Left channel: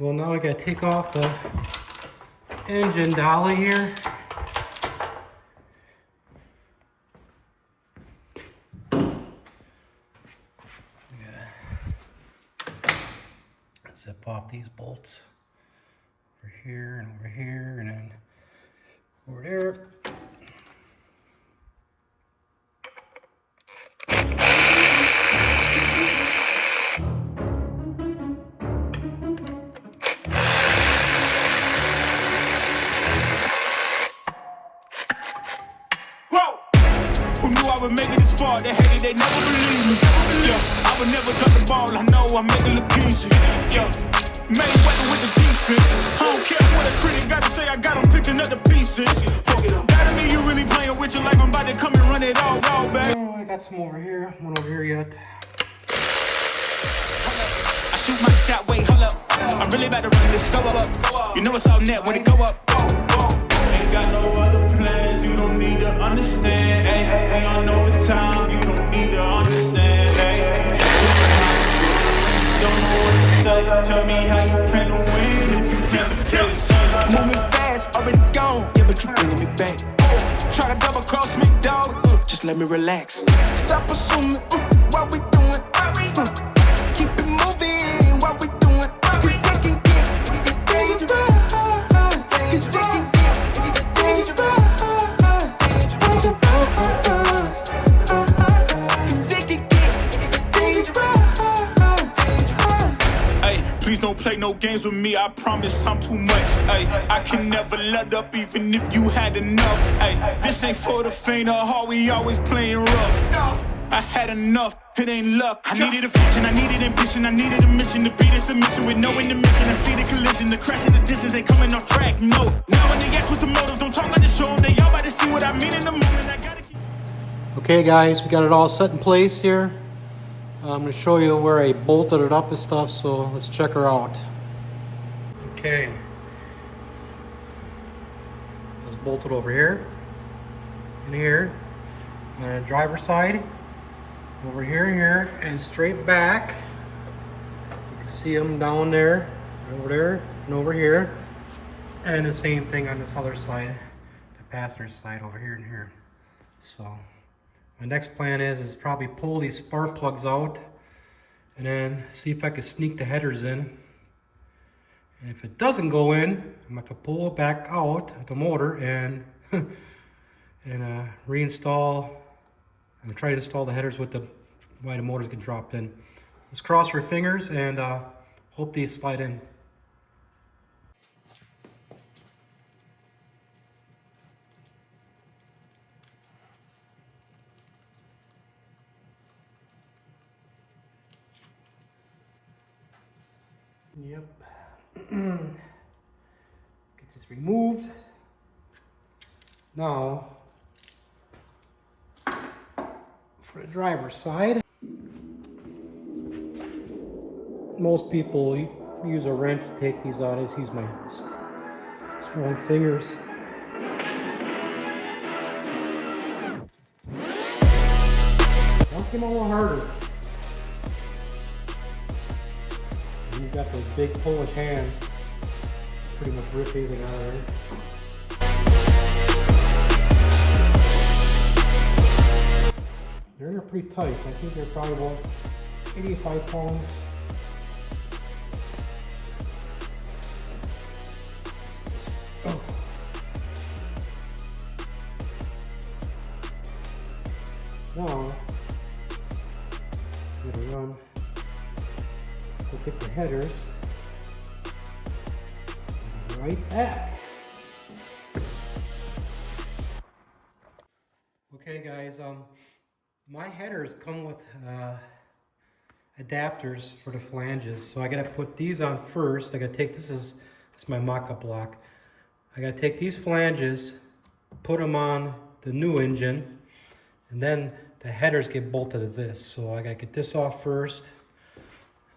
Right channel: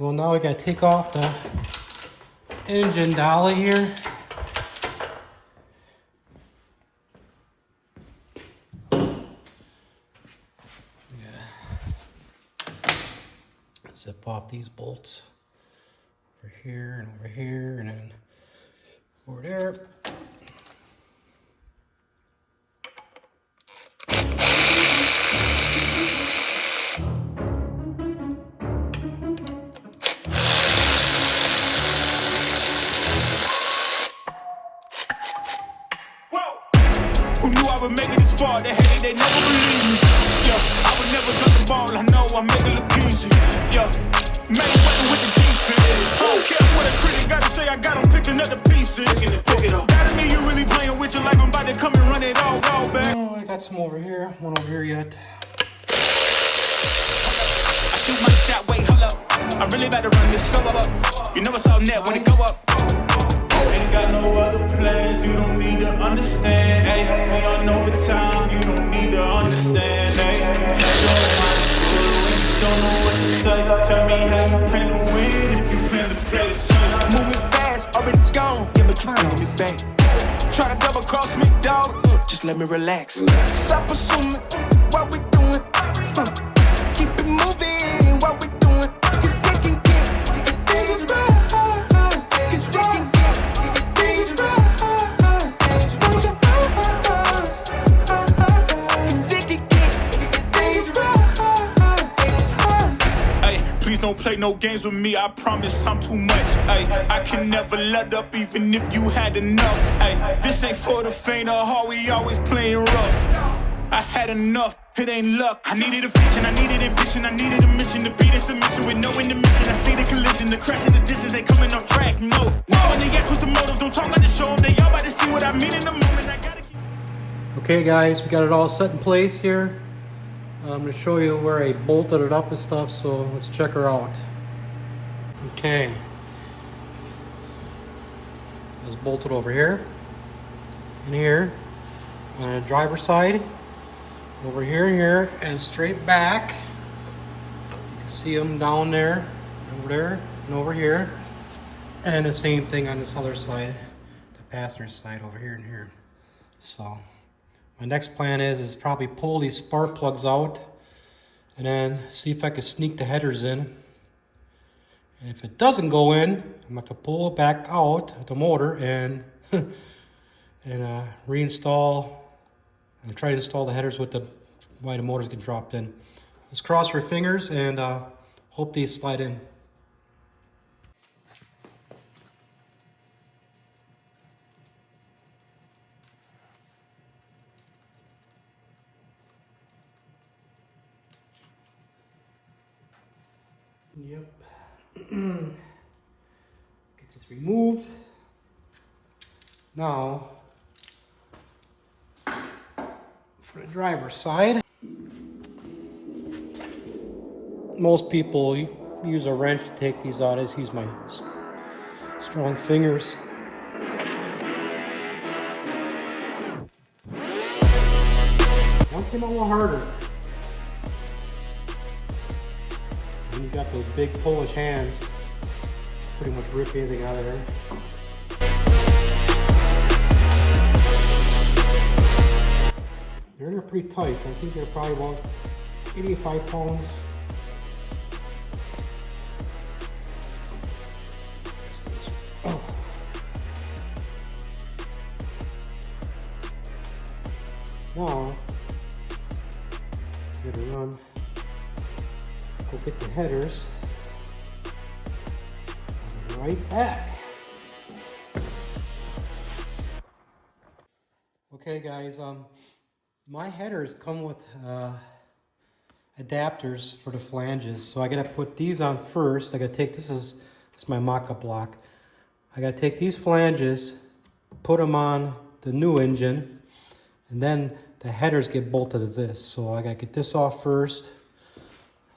Well, now we gotta take off the engine dolly here. Zip off these bolts over here and over here and then over there. Who knew I would make it this far? They hated, they never believed me. Yeah, I would never drop the ball. I know I make it look easy. Yeah, made weather with the defense. I don't care what a critic gotta say. I got them picking up the pieces. That to me, you really playing with your life. I'm about to come and run it all back. Oh, I got some over here. One over here yet. I shoot my shot. Wait, hold up. I'm really about to run this go up. You know it's all net when it go up. Ain't got no other plans, you don't need to understand, ayy. We on overtime, you don't need to understand, ayy. You just showing how to do it when you don't know what to say. Tell me how you plan to win if you plan to play the same. Moving fast, already gone, yeah, but you bringing me back. Try to double cross me, dog, just let me relax. Stop assuming what we doing, keep it moving, what we doing. Cause it can get bigger for us, cause it can get bigger for us, bigger for us, cause it can get bigger for us. Hey, please don't play no games with me, I promise I'm too much. Hey, I can never let up even if you had enough. Hey, this ain't for the faint of heart, we always playing rough. I had enough, it ain't luck. I needed a vision, I needed ambition, I needed a mission to beat a submission with no intermission. I see the collision, the crash in the distance, they coming off track. No, when they ask what's the motive, don't talk like the show 'em. They all about to see what I mean in the moment. I gotta keep. Okay guys, we got it all set in place here. I'm going to show you where I bolted it up and stuff, so let's check her out. Okay. It's bolted over here, and here, on the driver's side, over here and here, and straight back. You can see them down there, over there, and over here. And the same thing on this other side, the passenger side over here and here. So my next plan is probably pull these spark plugs out and then see if I can sneak the headers in. And if it doesn't go in, I'm going to have to pull it back out, the motor, and reinstall and try to install the headers with the why the motors get dropped in. Let's cross our fingers and hope these slide in. Yep. Get this removed. Now, for the driver's side, most people use a wrench to take these out. I just use my strong fingers. One came out a little harder. And you got those big Polish hands, pretty much rip anything out of there. They're pretty tight. I think they're probably about 85 pounds. Oh. Now, I'm gonna run. Go get the headers. And be right back. Okay, guys. My headers come with adapters for the flanges, so I gotta put these on first. I gotta take this is my mock-up block. I gotta take these flanges, put them on the new engine, and then the headers get bolted to this. So I gotta get this off first.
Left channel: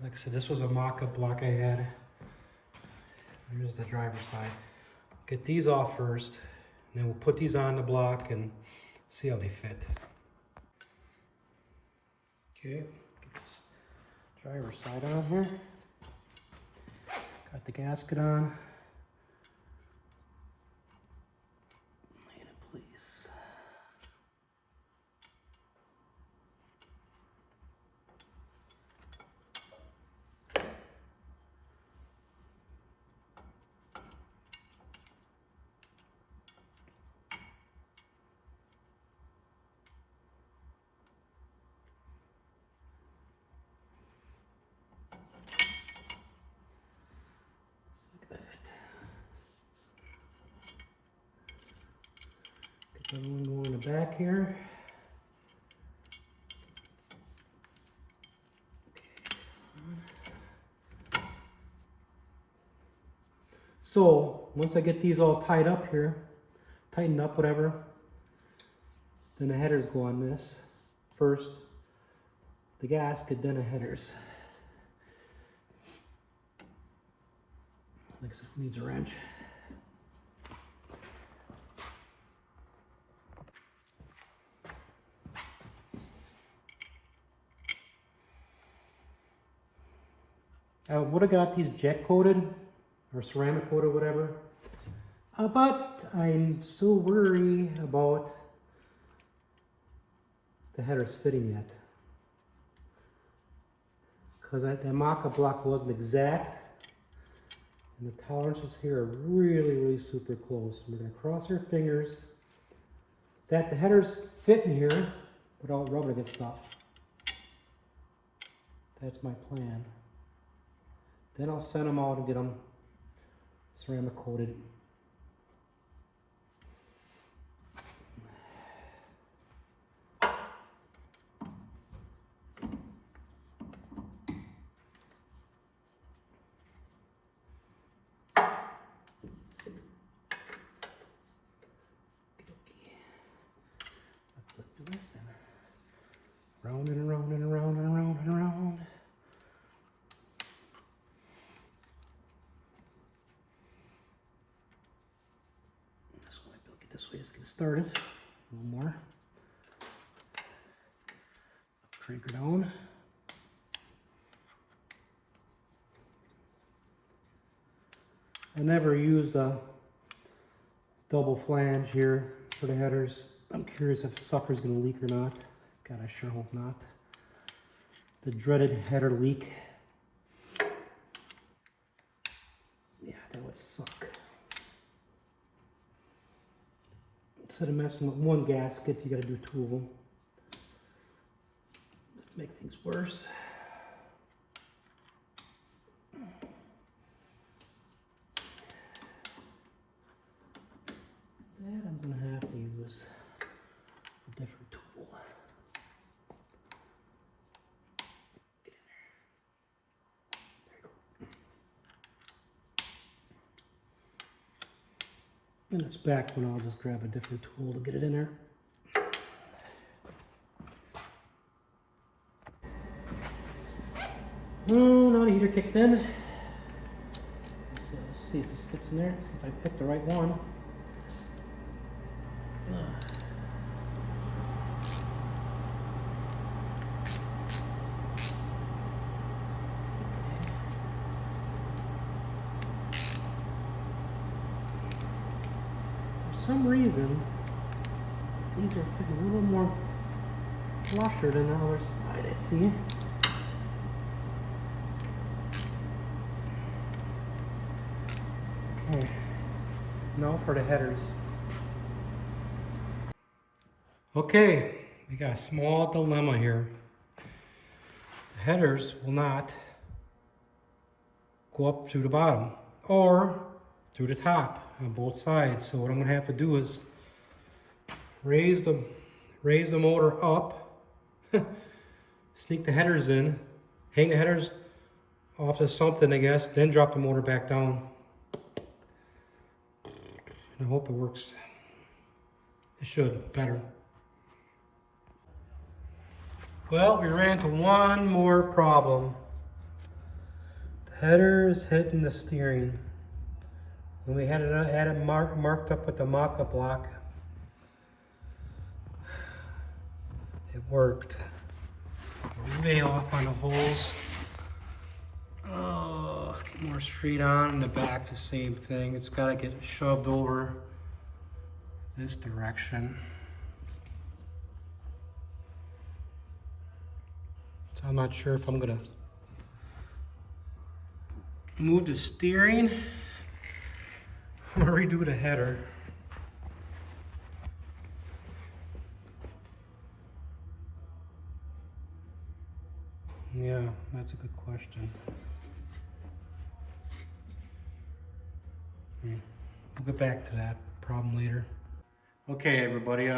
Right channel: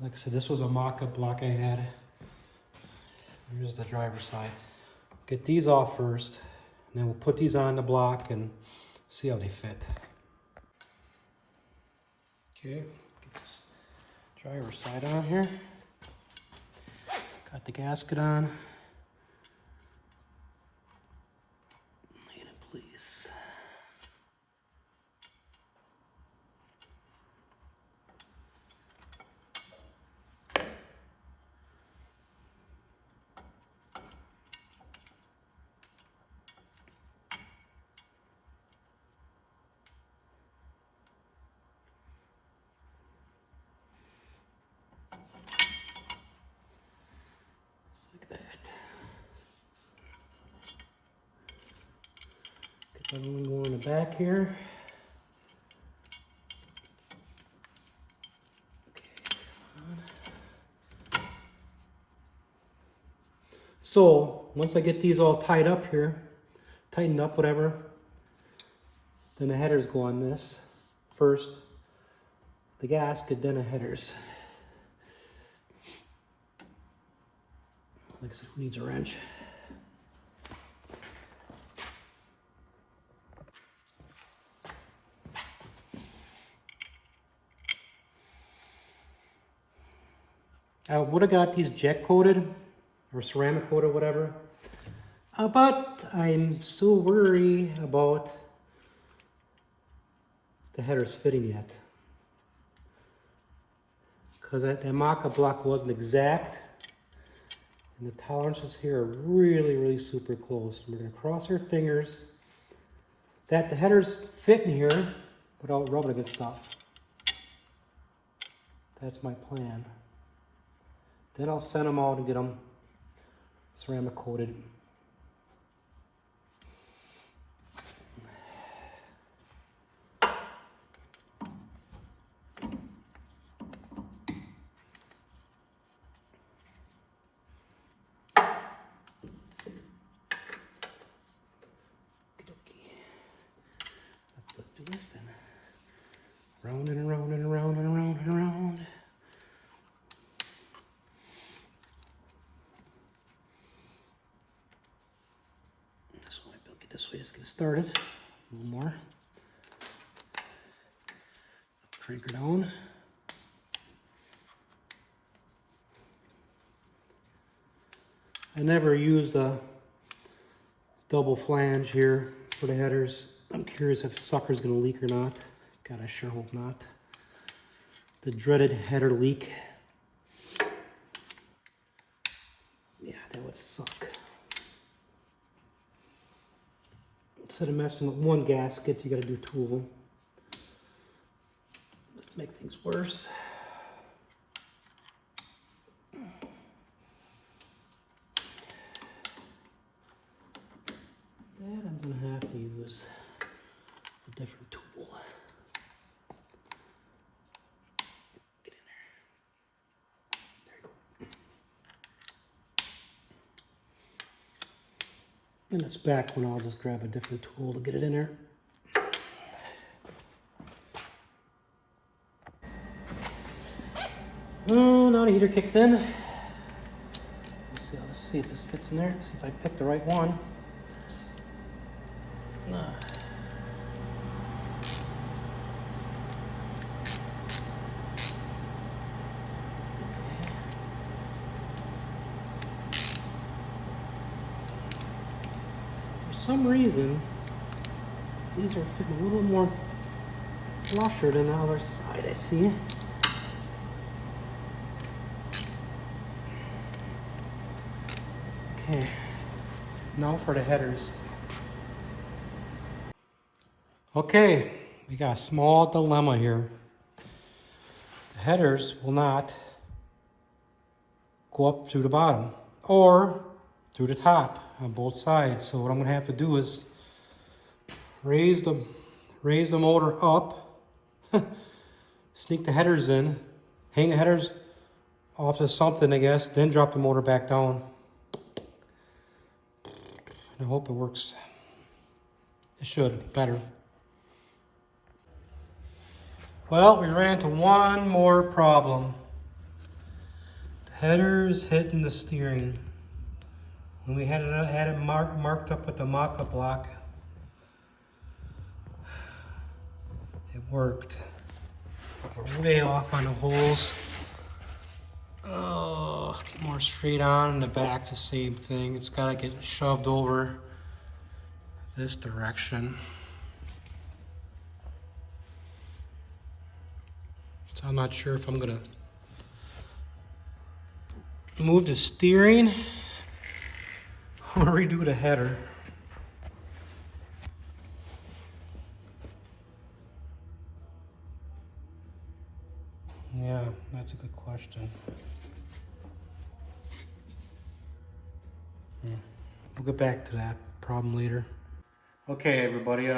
Like I said, this was a mock-up block I had. Here's the driver's side. Get these off first, and then we'll put these on the block and see how they fit. Okay, get this driver's side on here. Got the gasket on. Lay it in place. Like that. Get that one more in the back here. Okay. So once I get these all tied up here, tightened up, whatever, then the headers go on this first. The gasket, then the headers. Like I said, who needs a wrench? I would have got these jet coated or ceramic coated, whatever. But I'm so worried about the headers fitting yet. Because that mock-up block wasn't exact. And the tolerances here are really, really super close. We're going to cross our fingers that the headers fit in here without rubbing against stuff. That's my plan. Then I'll send them out and get them ceramic coated. Let's do this then. Round and around and around and around and around. This one might be able to get this way, just get it started. A little more. Crank her down. I never used a double flange here for the headers. I'm curious if sucker's gonna leak or not. God, I sure hope not. The dreaded header leak. Yeah, that would suck. Instead of messing with one gasket, you gotta do two of them. Let's make things worse. That I'm gonna have to use a different tool. Get in there. There you go. And it's back when I'll just grab a different tool to get it in there. Oh, now the heater kicked in. Let's see if this fits in there. See if I picked the right one. For some reason, these are fitting a little more flusher than the other side, I see. Okay, now for the headers. Okay, we got a small dilemma here. The headers will not go up through the bottom or through the top on both sides. So what I'm gonna have to do is raise the motor up, sneak the headers in, hang the headers off to something, I guess, then drop the motor back down. I hope it works. It should, better. Well, we ran into one more problem. The header's hitting the steering. When we had it marked up with the mock-up block, it worked. We're way off on the holes. Oh. get more straight on, and the back's the same thing. It's gotta get shoved over this direction. So I'm not sure if I'm gonna move the steering or redo the header. Yeah, that's a good question. We'll get back to that problem later. Okay, everybody,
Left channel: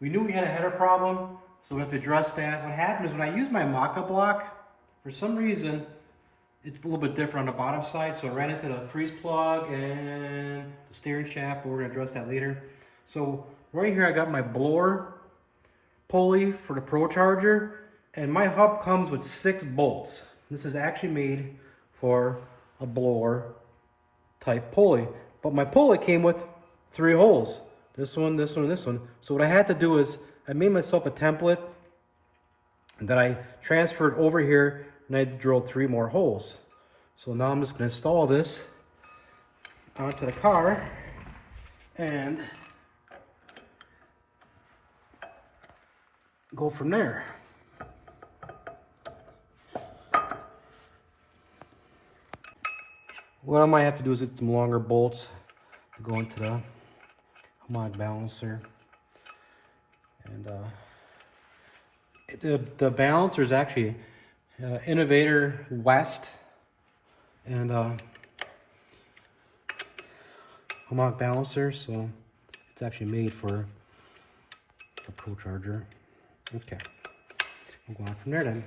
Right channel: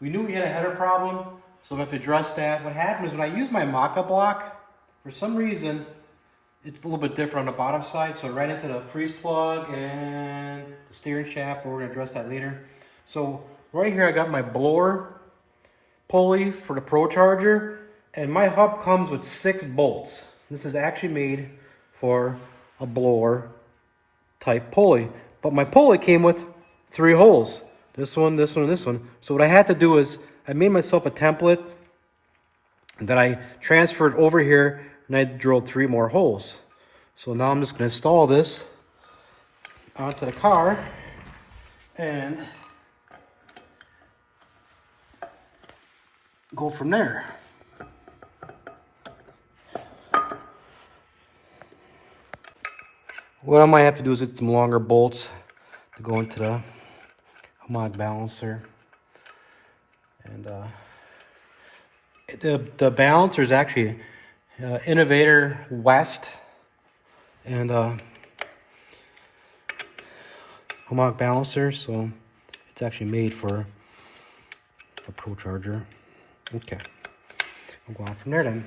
we knew we had a header problem, so we have to address that. What happened is when I used my Maka block, for some reason, it's a little bit different on the bottom side, so I ran into the freeze plug and the steering shaft, but we're gonna address that later. So right here I got my blower pulley for the Pro Charger, and my hub comes with 6 bolts. This is actually made for a blower type pulley, but my pulley came with 3 holes. This one, this one, and this one. So what I had to do is I made myself a template and then I transferred over here and I drilled 3 more holes. So now I'm just gonna install this onto the car and go from there. What I might have to do is get some longer bolts to go into the mod balancer. And the balancer is actually Innovator West and Homog balancer, so it's actually made for the Pro Charger. Okay, I'll go on from there then.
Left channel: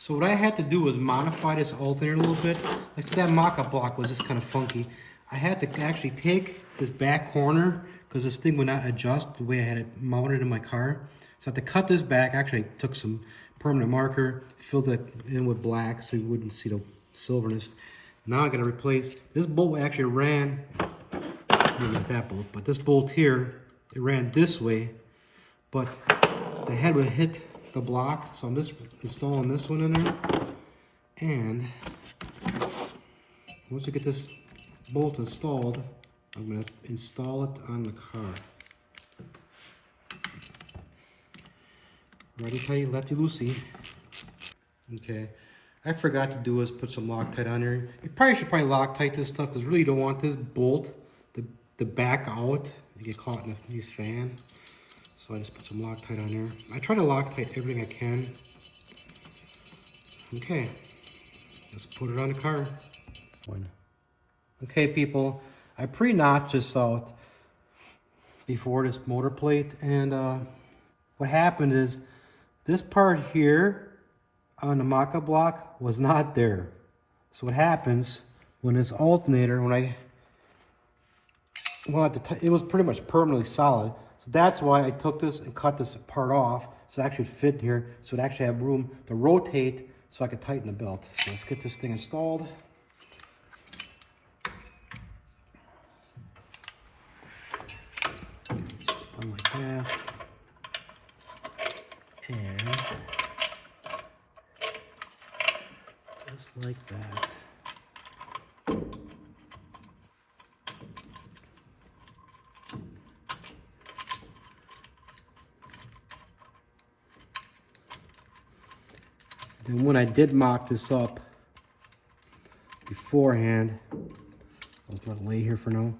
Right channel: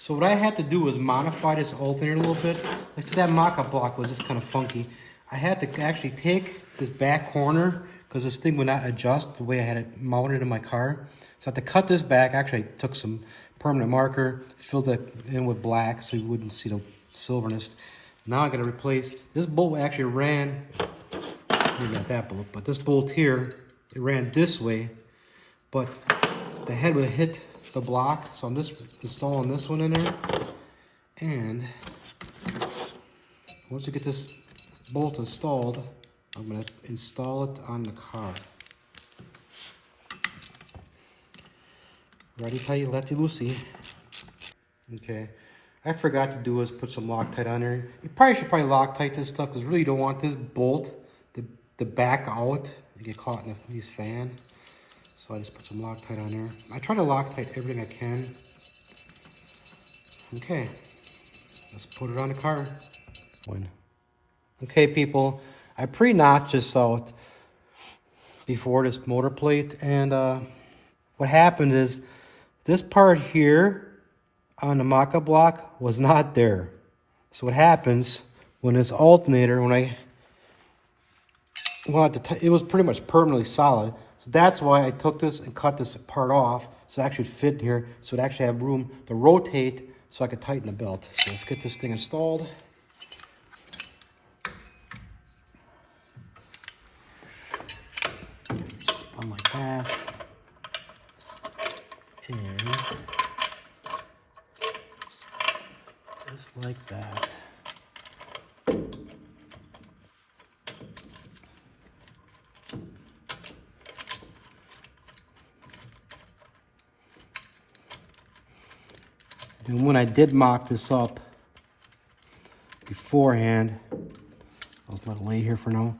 So what I had to do was modify this alternator a little bit. Like I said, that mock-up block was just kind of funky. I had to actually take this back corner because this thing would not adjust the way I had it mounted in my car. So I had to cut this back. Actually, I took some permanent marker, filled it in with black so you wouldn't see the silverness. Now I'm gonna replace, this bolt actually ran, maybe not that bolt, but this bolt here, it ran this way, but the head would hit the block, so I'm just installing this one in there. And once you get this bolt installed, I'm going to install it on the car. Righty tighty, lefty loosey. Okay, I forgot to do is put some Loctite on there. You probably should Loctite this stuff because really you don't want this bolt to back out. You get caught in these fan. So I just put some Loctite on there. I try to Loctite everything I can. Okay, let's put it on the car. Okay, people, I pre-notched this out before this motor plate, and what happened is this part here on the Maka block was not there. So what happens when this alternator, when I wanted to, it was pretty much permanently solid. So that's why I took this and cut this part off so it actually fit here, so it actually have room to rotate so I could tighten the belt. So let's get this thing installed. Spun like that. And just like that. And when I did mock this up beforehand, I'll let it lay here for now.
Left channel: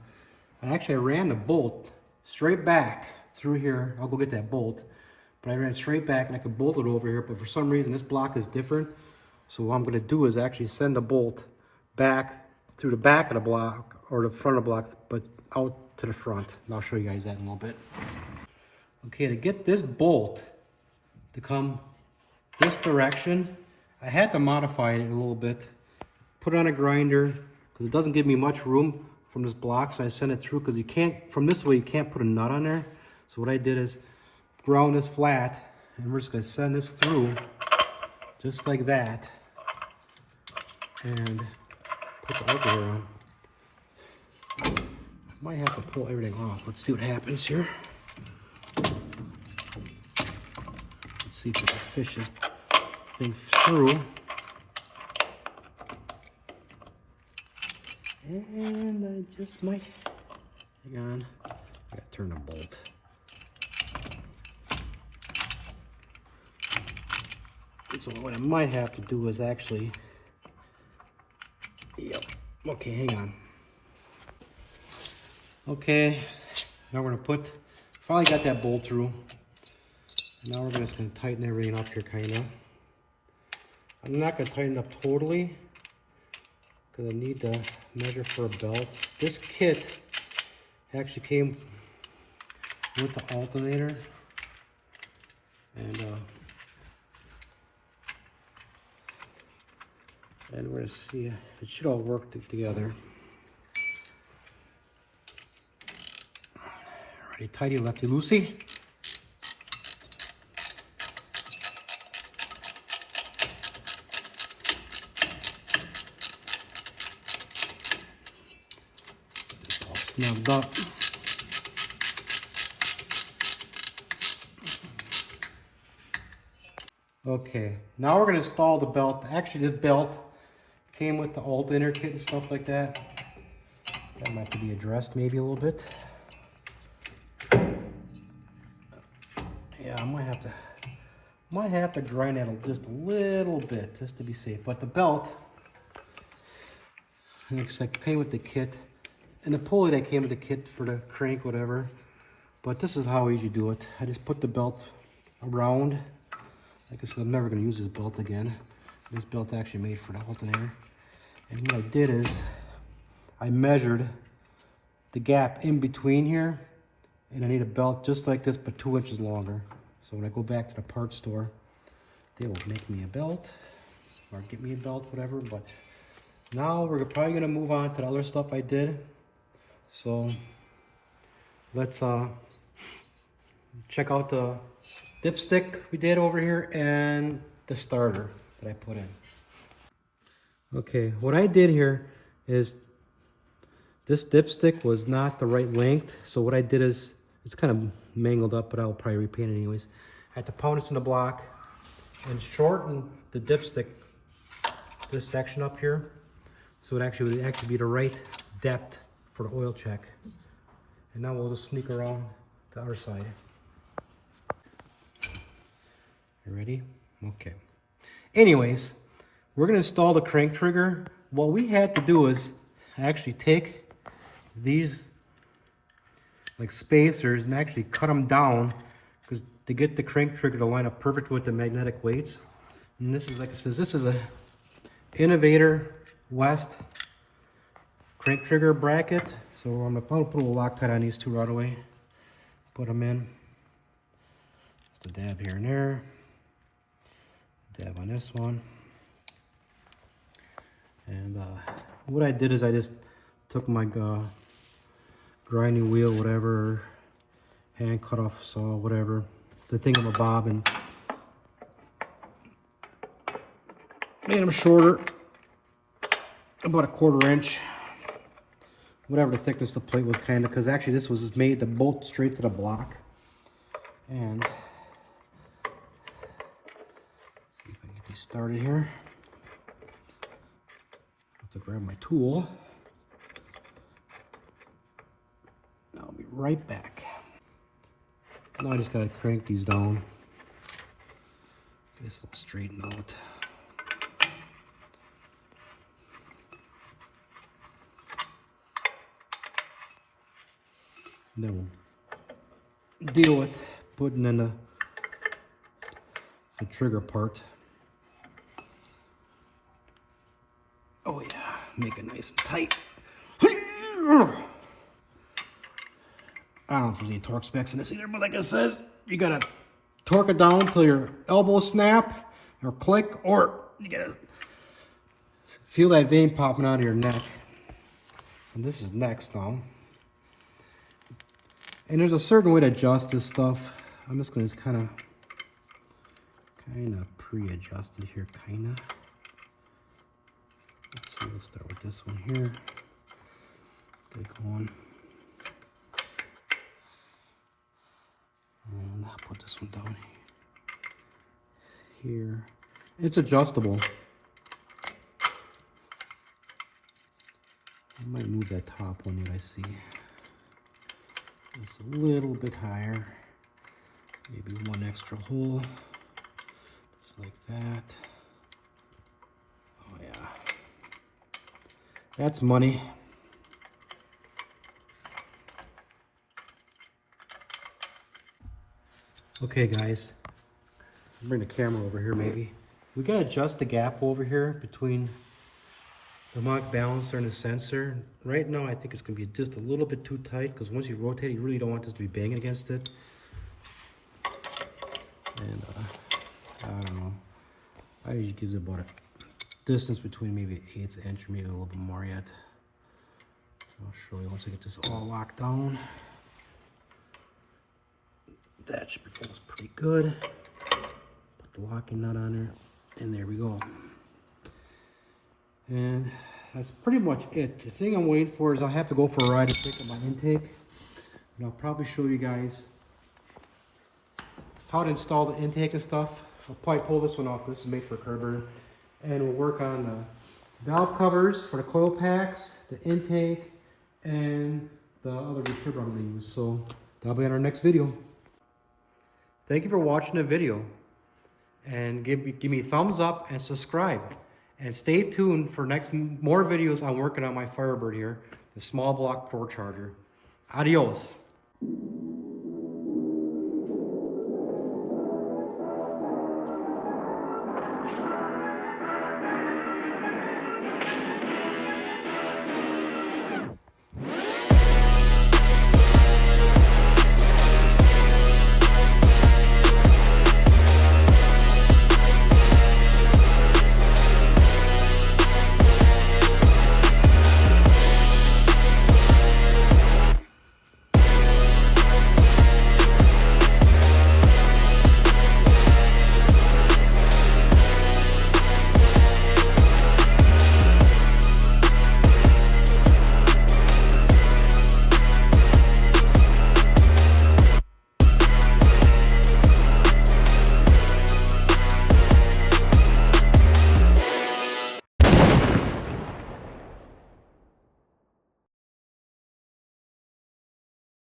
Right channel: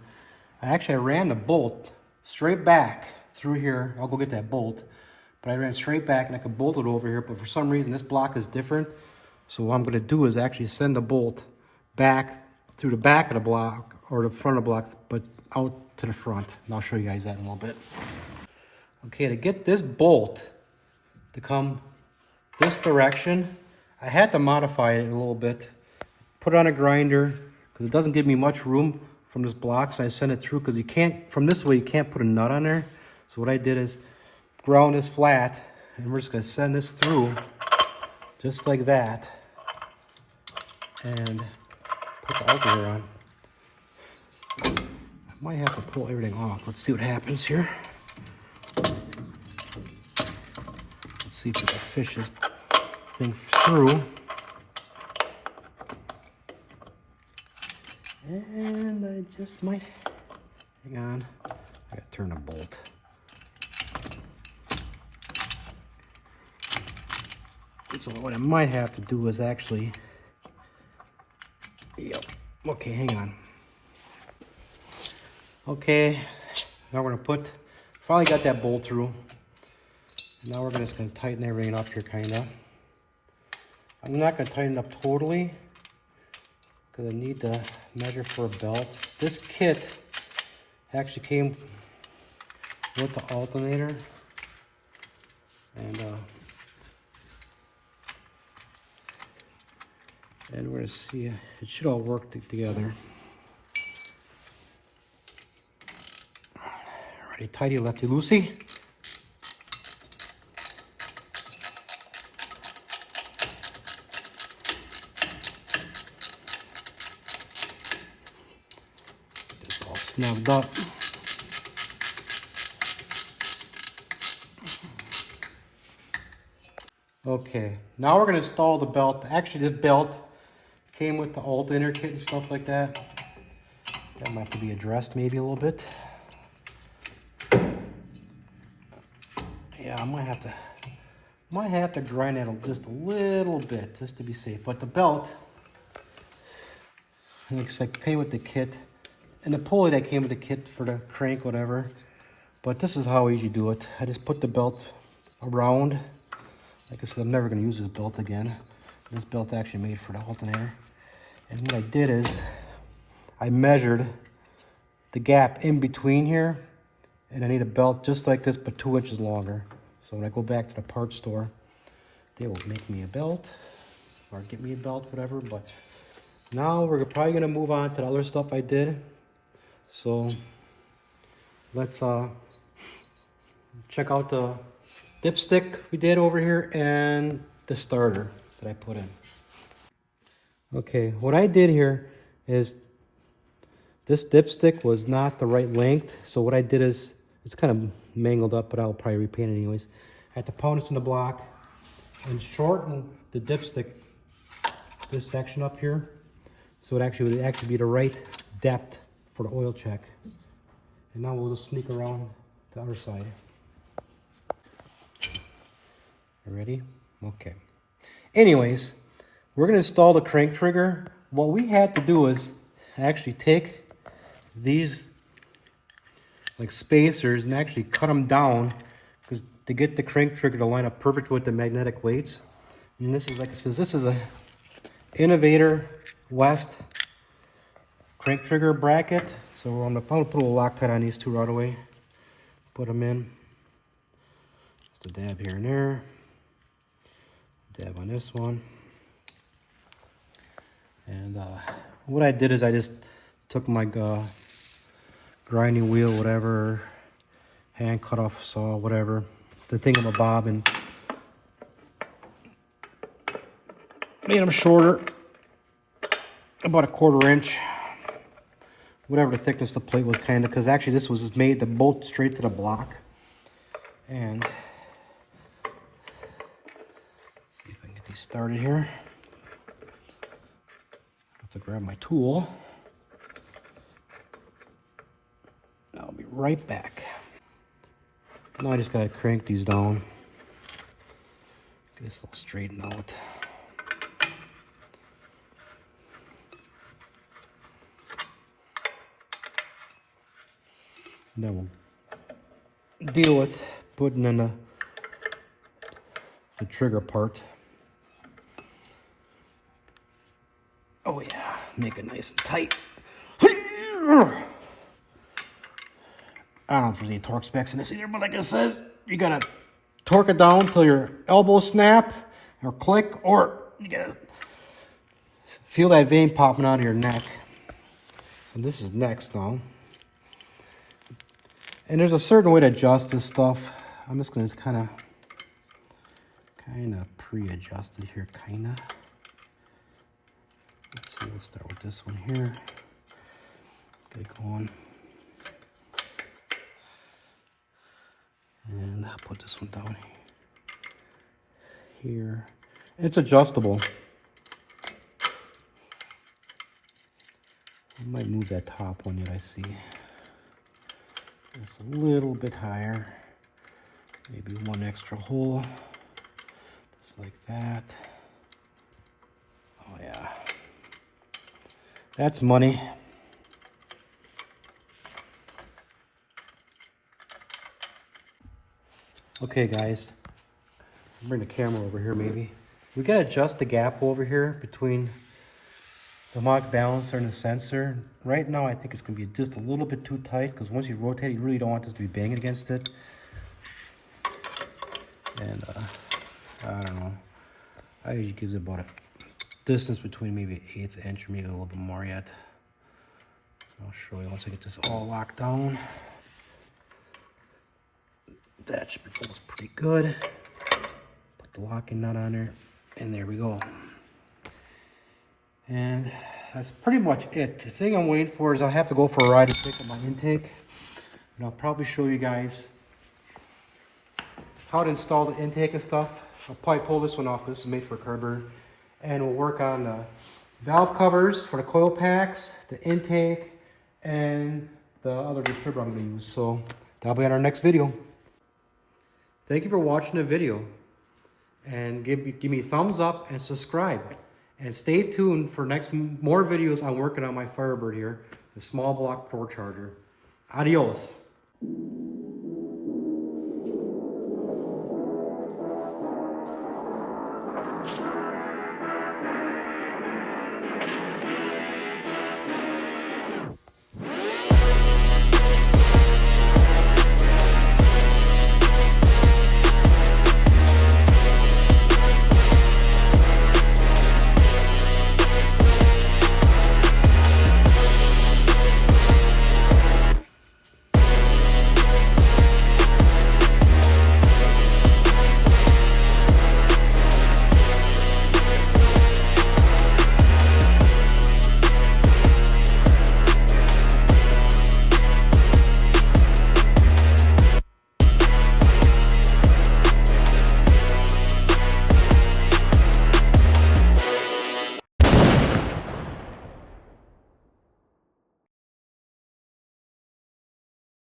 I ran the bolt straight back through here. I'll go get that bolt. But I ran straight back and I could bolt it over here. But for some reason, this block is different. So what I'm going to do is actually send the bolt back through the back of the block or the front of the block, but out to the front. And I'll show you guys that in a little bit. Okay, to get this bolt to come this direction, I had to modify it a little bit. Put it on a grinder because it doesn't give me much room from this block, so I sent it through because you can't, from this way, you can't put a nut on there. So what I did is ground this flat, and we're just going to send this through just like that, and put the alternator on. I might have to pull everything off. Let's see what happens here. Let's see if we can fish this thing through. And I just might, hang on, I gotta turn the bolt. So what I might have to do is actually, yeah, okay, hang on. Okay, now we're gonna put, finally got that bolt through. Now we're just gonna tighten everything up here, kinda. I'm not gonna tighten up totally, because I need to measure for a belt. This kit actually came with the alternator, and we're gonna see, it should all work together. Righty tighty, lefty loosey. It's all snugged up. Okay, now we're gonna install the belt. Actually, the belt came with the alternator kit and stuff like that. That might have to be addressed maybe a little bit. Yeah, I might have to grind that just a little bit just to be safe. But the belt, like I said, came with the kit, and the pulley that came with the kit for the crank, whatever. But this is how I usually do it. I just put the belt around. Like I said, I'm never going to use this belt again. This belt's actually made for the alternator. And what I did is I measured the gap in between here, and I need a belt just like this, but 2 inches longer. So when I go back to the parts store, they will make me a belt, or get me a belt, whatever. But now we're probably gonna move on to the other stuff I did. So let's check out the dipstick we did over here and the starter that I put in. Okay, what I did here is this dipstick was not the right length. So what I did is, it's kind of mangled up, but I'll probably repaint it anyways. I had to pound this in the block and shorten the dipstick, this section up here, so it would actually be the right depth for the oil check. And now we'll just sneak around the other side. You ready? Okay. Anyways, we're gonna install the crank trigger. What we had to do is actually take these like spacers and actually cut them down, because to get the crank trigger to line up perfect with the magnetic weights. And this is, like I said, this is a Innovator West crank trigger bracket. So I'm gonna put a little Loctite on these two right away. Put them in. Just a dab here and there. Dab on this one. And what I did is I just took my grinding wheel, whatever, hand cut off saw, whatever, the thingamabob, and made them shorter, about 1/4 inch, whatever the thickness of the plate was, kind of, because actually this was just made to bolt straight to the block. And see if I can get these started here. Have to grab my tool. I'll be right back. Now I just gotta crank these down. Get this all straightened out. Then we'll deal with putting in the trigger part. Oh yeah, make it nice and tight. I don't know if there's any torque specs in this either, but like it says, you gotta torque it down till your elbow snap or click, or you gotta feel that vein popping out of your neck. So this is next now. And there's a certain way to adjust this stuff. I'm just gonna kind of pre-adjust it here, kinda. Let's see, let's start with this one here. Get it going. And I'll put this one down here. It's adjustable. I might move that top one that I see. It's a little bit higher. Maybe one extra hole. Just like that. Oh yeah. That's money. Okay guys, I'll bring the camera over here maybe. We gotta adjust the gap over here between the harmonic balancer and the sensor. Right now I think it's gonna be just a little bit too tight because once you rotate you really don't want this to be banging against it. And I don't know. I usually gives it about a distance between maybe 1/8 inch or maybe a little bit more yet. I'll show you once I get this all locked down. That should be almost pretty good. Put the locking nut on there, and there we go. And that's pretty much it. The thing I'm waiting for is I'll have to go for a ride and pick up my intake. And I'll probably show you guys how to install the intake and stuff. I'll probably pull this one off. This is made for a Kerber. And we'll work on the valve covers for the coil packs, the intake, and the other distributor I'm going to use. So that'll be on our next video. Thank you for watching the video. And give me a thumbs up and subscribe. And stay tuned for more videos. I'm working on my Firebird here, the small block Pro Charger. Adios.